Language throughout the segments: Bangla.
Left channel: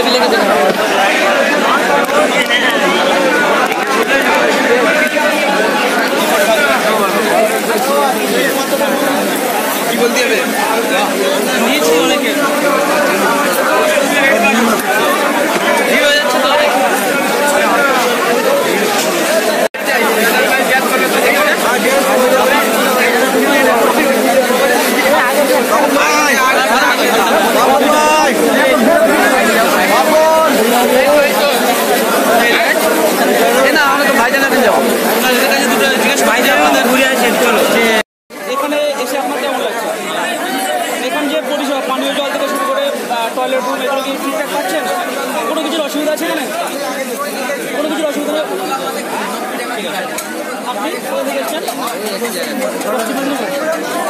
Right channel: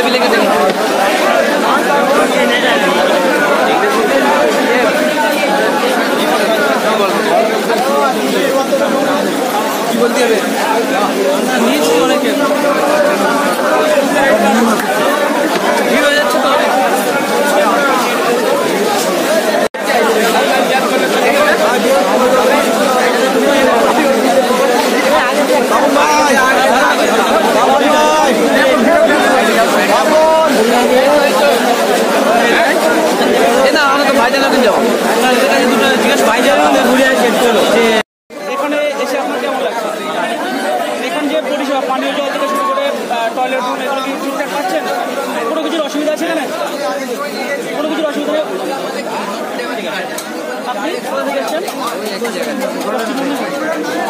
भी लेके देगा না আমরা তো ভাইজানের দিন যাবো ভাইজানের ঘুরে আসছেন চলো এখানে এসে আপনার কেমন লাগছে এখানে যে পরিষেবা পানীয় জল থেকে শুরু করে টয়লেট রুম এগুলো কি ঠিকঠাক পাচ্ছেন কোনো কিছুর অসুবিধা আছে না কোনো কিছুর অসুবিধা ঠিক আছে আপনি কোথা থেকে এসছেন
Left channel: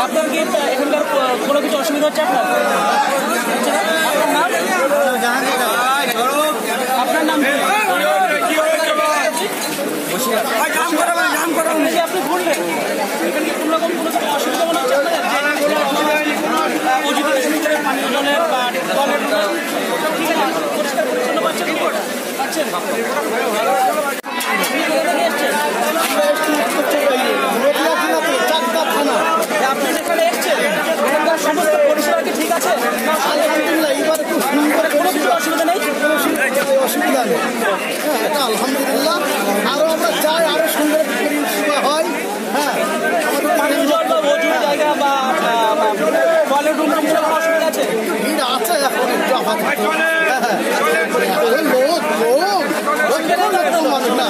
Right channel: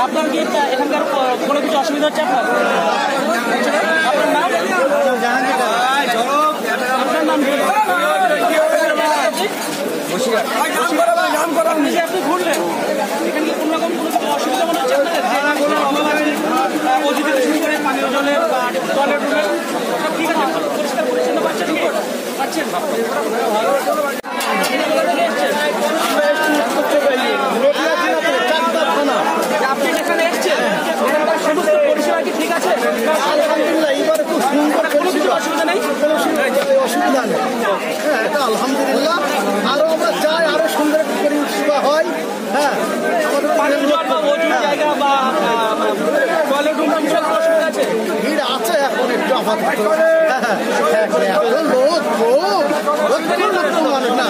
আপনার কি এখানকার কোনো কিছু অসুবিধা হচ্ছে আপনার আপনার নাম আপনার নাম আপনি ঘুরলেন এখানে কি কোনো রকম কোনো অসুবিধা মনে হচ্ছে অজু থেকে শুরু করে পানীয় জলের বা টয়লেট পরিষ্কার পরিচ্ছন্ন পাচ্ছেন আপনি এখানে এসছেন এখানকার সমস্ত পরিষেবা কি ঠিক আছে আলহামদুলিল্লাহ এবার খুব সুন্দর অসুবিধা নেই অসুবিধা নেই হ্যাঁ এটা আলহামদুলিল্লাহ আরো আমরা চাই আরো সুন্দর পরিষেবা হয় হ্যাঁ আমাদের জায়গা বা টয়লেট রুম অসুবিধা আছে ভিড় আছে এখন একটু আপাতত এত লোক মানুষ না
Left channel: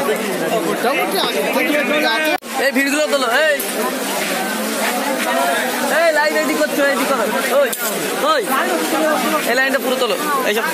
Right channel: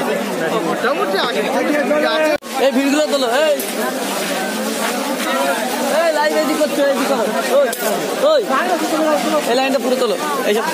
মোটামুটি আগে থেকে আছে এই ভিড়গুলো তোলো এই লাইন রেডি করছো রেডি করো ওই এই লাইনটা পুরো তোলো এইসব